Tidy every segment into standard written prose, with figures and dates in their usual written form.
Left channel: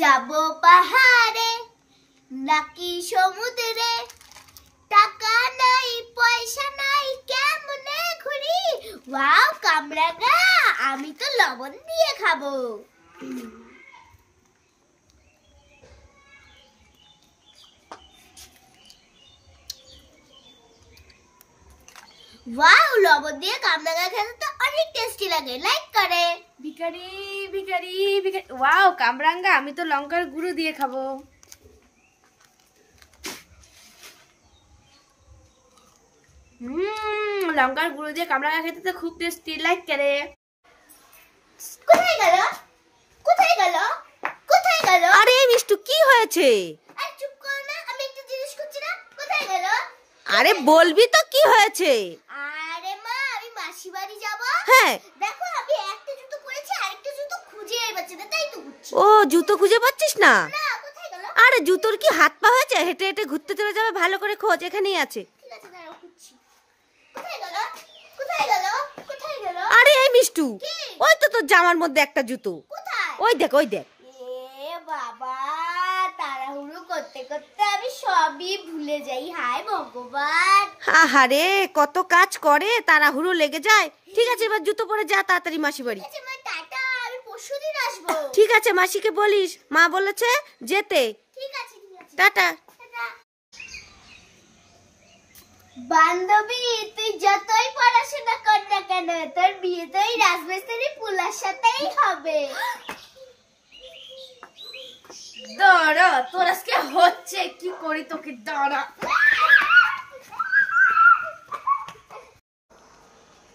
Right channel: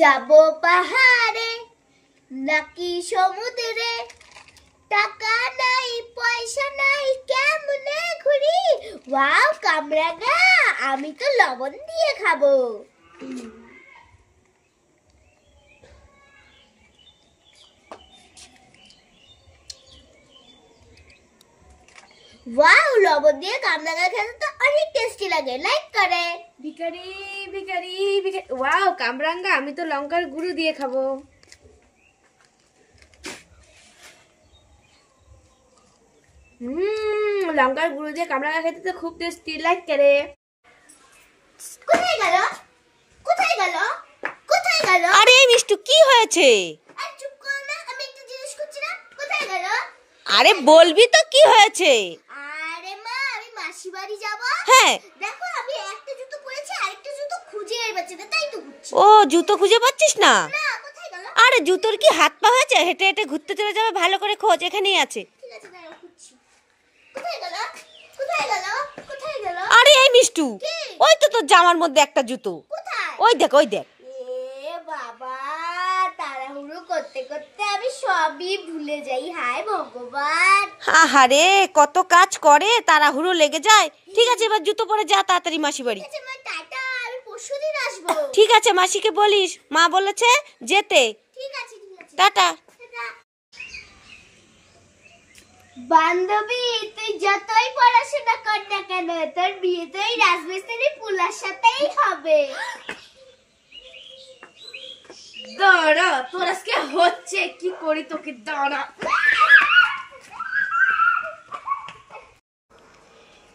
যাবো পাহাড়ে নাকি সমুদ্রে, টাকা নাই পয়সা নাই কেমনে ঘুরি। ওয়াও কামরাঙা, আমি তো লবণ দিয়ে খাবো। ওয়াও, লবণ দিয়ে কামরাঙা খেতে তো অনেক টেস্টি লাগে, লাইক করে। ভিখারি ভিখারি ভিখারি। ওয়াও কামরাঙ্গা, আমি তো লঙ্কার গুঁড়ো দিয়ে খাবো। লঙ্কার গুঁড়ো দিয়ে কামরাঙ্গা খেতে তো খুব টেস্টি, লাইক করে। কোথায় গেল কোথায় গেল কোথায় গেল? আরে মিষ্টু, কি হয়েছে? চুপ কর না, আমি একটা জিনিস খুঁজছি না, কোথায় গেল? আরে বলবি তো কি হয়েছে? আরে মা, আমি মাসি বাড়ি যাব। হ্যাঁ, দেখো আমি একটা জুতো পরেছি, আরেকটা জুতো খুঁজে পাচ্ছি না, তাই তো খুঁজছি। ও জুতো খুঁজে পাচ্ছিস না? না, কোথায় গেল? আরে জুতোর কি হাত পা হয়েছে? হেঁটে হেঁটে ঘুরতে চলে যাবে, ভালো করে খোঁজ, এখানেই আছে। ঠিক আছে, দাঁড়াও খুঁজছি। কোথায় গেল কোথায় গেল কোথায় গেল? আরে এই মিষ্টু, ওই তো তোর জামার মধ্যে একটা জুতো। কোথায়? ওই দেখ ওই দেখ। এ বাবা, তাড়াহুড়ো করতে করতে আমি সবই ভুলে যাই, হায় ভগবান। আহারে, কত কাজ করে, তাড়াহুড়ো লেগে যায়। ঠিক আছে, এবার জুতো পরে যা তাড়াতাড়ি মাসি বাড়ি। ঠিক আছে মা, টাটা, আমি পরশুদিন আসবো। ঠিক আছে, মাসিকে বলিস, মা বলেছে যেতে। ঠিক আছে ঠিক আছে, টাটা। টাটা। বান্ধবী, তুই যতই পড়াশোনা কর না কেন, তোর বিয়ে তো এই রাজমিস্ত্রি পুলার সাথেই হবে। দাঁড়া, তোর আজকে হচ্ছে কি করি তোকে, দাঁড়া।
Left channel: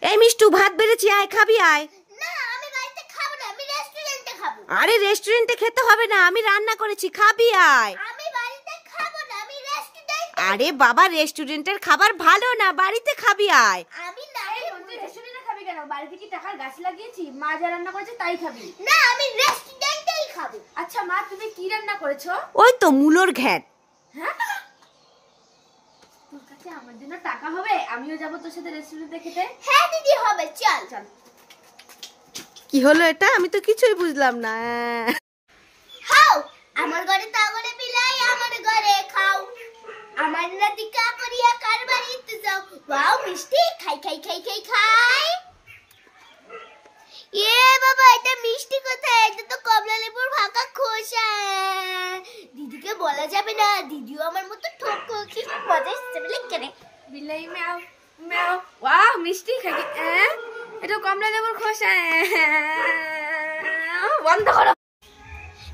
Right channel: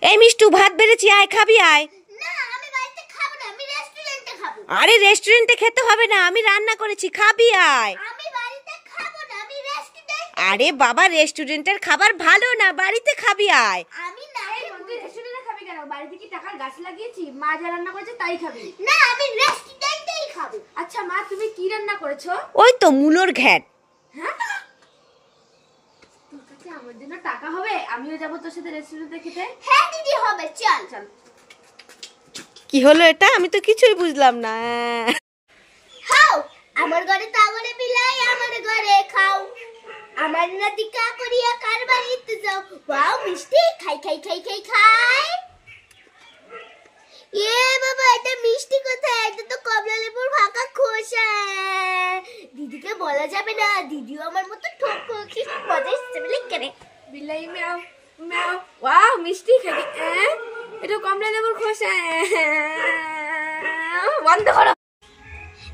এই মিষ্টু, ভাত বেড়েছি, আয় খাবি আয়। না, আমি বাড়িতে খাবো না, আমি রেস্টুরেন্টে খাবো। আরে রেস্টুরেন্টে খেতে হবে না, আমি রান্না করেছি, খাবি আয়। আমি বাড়িতে খাবো না, আমি রেস্টুরেন্ট। আরে বাবা, রেস্টুরেন্টের খাবার ভালো না, বাড়িতে খাবি আয়। আমি না, তুই রেস্টুরেন্টে খাবি কেন? বাড়িতে কি টাকার গাছ লাগিয়েছি? মা যা রান্না করেছে তাই খাবি। না, আমি রেস্টুরেন্টেই খাবো। আচ্ছা মা, তুমি কি রান্না করেছো? ওই তো মূলোর ঘ্যাট। হ্যাঁ, তোর কাছে আমার জন্য টাকা হবে? আমিও যাবো তোর সাথে রেস্টুরেন্টে খেতে। হ্যাঁ দিদি, হবে, চল চল। কি হলো এটা? আমি তো কিছুই বুঝলাম না। খাও, আমার ঘরে তো আমার বিলাই, আমার ঘরে খাও। আমার নাতিকা করিয়া কার বাড়িতে যাও। ওয়াও মিষ্টি, খাই খাই খাই খাই খাই। এ বাবা, এটা মিষ্টি কোথায়? এটা তো কমলা লেবুর ফাঁকা খোসা। দিদিকে বলা যাবে না, দিদিও আমার মতো ঠকো। কি মজা এসেছে বলে কেনে। বিলাই ম্যাও ম্যাও। ওয়াও মিষ্টি খাবি? এটা কমলা লেবুর খোসা। বন্ধ করো।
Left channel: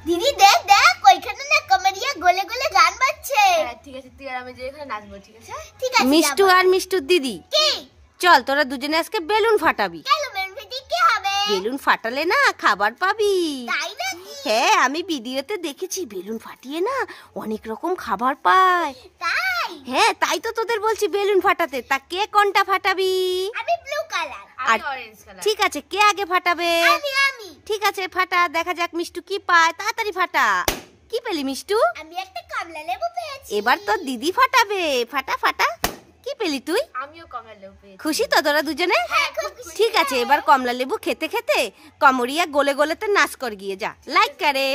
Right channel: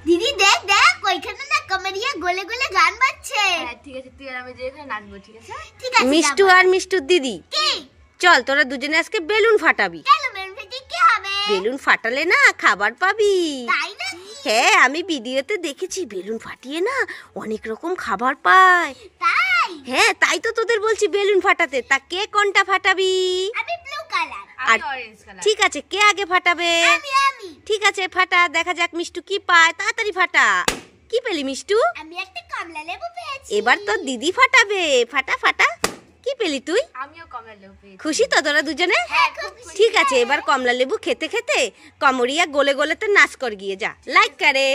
দিদি দেখ দেখ, ওইখানে না কমেডিয়া গলে গলে গান বাজছে। হ্যাঁ ঠিক আছে, তুই আর আমি যেখানে নাচবো, ঠিক আছে? ঠিক আছে, মিষ্টু যাবো। আর মিষ্টুর দিদি, কি? চল তোরা দুজনে আজকে বেলুন ফাটাবি। কেন মেরুন ফেটে কি হবে? বেলুন ফাটালে না খাবার পাবি। তাই নাকি? হ্যাঁ, আমি ভিডিওতে দেখেছি, বেলুন ফাটিয়ে না অনেক রকম খাবার পায়। তাই? হ্যাঁ, তাই তো তোদের বলছি বেলুন ফাটাতে। তা কে কোনটা ফাটাবি? আমি ব্লু কালার। আর আমি অরেঞ্জ কালার। ঠিক আছে, কে আগে ফাটাবে? আমি ঠিক আছে, ফাটা, দেখা যাক মিষ্টু কি পায়। তাড়াতাড়ি ফাটা। কি পেলি মিষ্টু? আমি একটা কমলা লেবু পেয়েছি। এবার তো দিদি ফাটাবে। ফাটা ফাটা। কি পেলি তুই? আমিও কমলা লেবু পেয়েছি। খুশি তো তোরা দুজনে? হ্যাঁ, খুব খুশি। ঠিক আছে, এবার কমলা লেবু খেতে খেতে কমরিয়া গোলে গোলেতে নাচ কর গিয়ে যা, লাইক করে।